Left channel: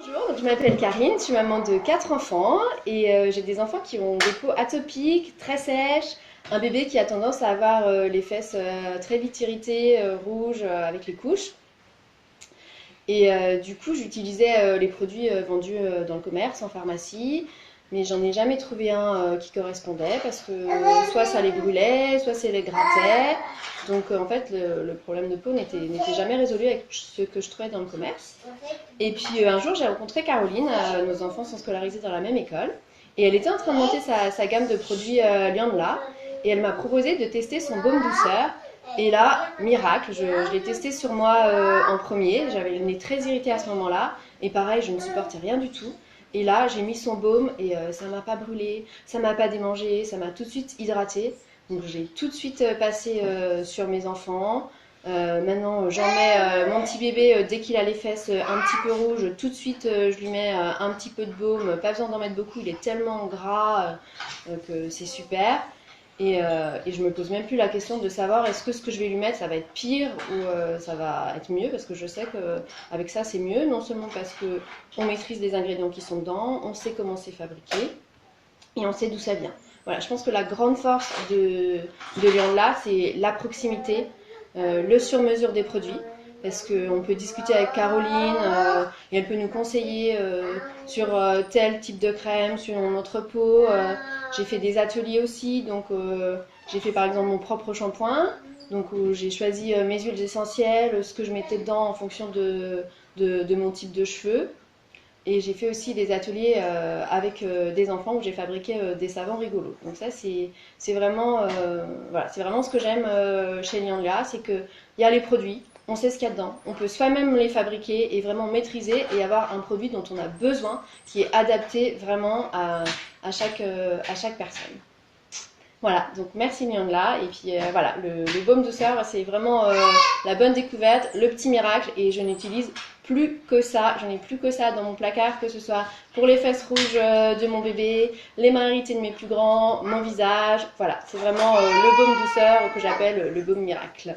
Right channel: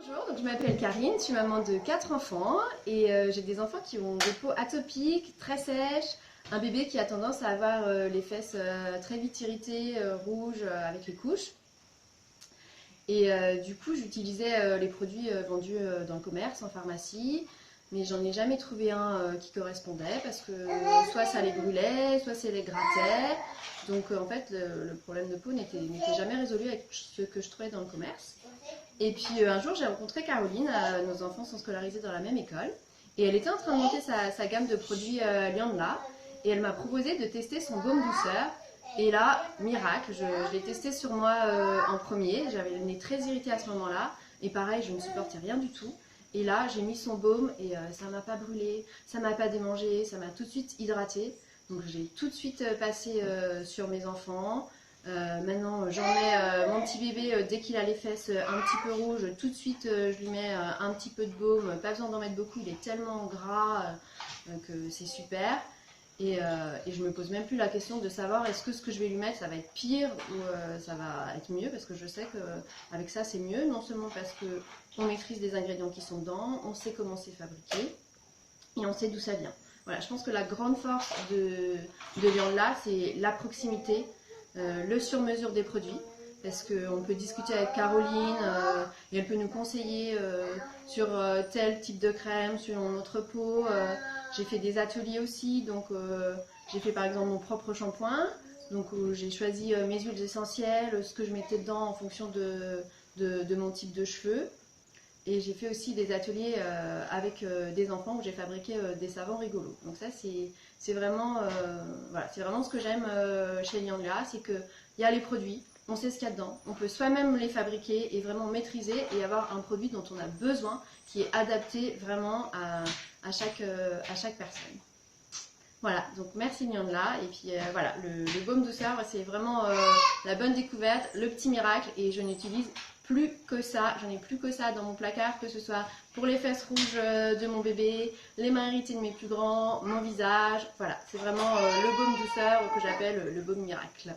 Bonjour, donc je m'appelle Karine, je suis maman de 4 enfants et j'ai des enfants qui ont des peaux atopiques, très sèches, un bébé qui a tendance à avoir les fesses très vite irritées, rouges avec les couches. Et du coup, j'utilisais les produits vendus dans le commerce, en pharmacie, mais j'en ai jamais trouvé un qui correspondait parce que soit ça les brûlait, soit ça les grattait. Donc en fait, le problème de peau n'était jamais résolu avec ce que je trouvais dans le commerce. Et puis un jour, j'ai rencontré Caroline, nos enfants sont scolarisés dans la même école, et elle était en train de monter sa gamme de produits Liandla, et elle m'a proposé de tester son baume douceur. Et là, miracle, je l'ai testé sur moi en premier. J'avais le nez très irrité à ce moment-là. Et pareil, je ne supportais rien du tout. Et là, j'ai mis son baume et ça m'a pas brûlé, ça m'a pas démangé, ça m'a tout de suite hydraté. Donc j'ai tout de suite passé sur mes enfants. Maintenant, j'en mets mon petit bébé dès qu'il a les fesses un petit peu rouges. Tout de suite, je lui mets un petit peu de baume. Pas besoin d'en mettre beaucoup, il est tellement gras que c'est super. Et je me pose même plus la question de savoir est-ce que ce que je vais lui mettre ça va être pire ou ça va être mieux parce que je sais qu'avec ça c'est mieux, non seulement parce que on maîtrise les ingrédients qui sont dedans, on sait comment c'est fabriqué et on sait d'où ça vient. Voilà, je pense que la grande force de Liandla, c'est la proximité, le sur-mesure des produits. Parce qu'on peut discuter avec Caroline et elle peut nous conseiller sur tel type de crème, sur notre peau. J'ai fait des ateliers aussi, donc j'ai fait par exemple mon propre shampoing. Donc où j'ai choisi mes huiles essentielles, ce que je mettais dedans en fonction de mon type de cheveux. Et j'ai fait aussi des ateliers avec des enfants où j'ai fabriqué des savons rigolos. Donc ça, c'est vraiment, voilà, c'est vraiment ce que j'aime chez Liandla, c'est qu'il y a les produits, on sait ce qu'il y a dedans, on peut soi-même les fabriquer et vraiment maîtriser et avoir un produit dont on a besoin, qui est adapté vraiment à chaque personne. Voilà, donc merci Liandla. Et puis voilà, le baume douceur, c'est vraiment la bonne découverte, le petit miracle. Et je n'utilise plus que ça. Je n'ai plus que ça dans mon placard, que ce soit pour les fesses rouges de mon bébé, les mains irritées de mes plus grands, mon visage. Voilà, c'est vraiment le baume douceur que j'appelle le baume miracle.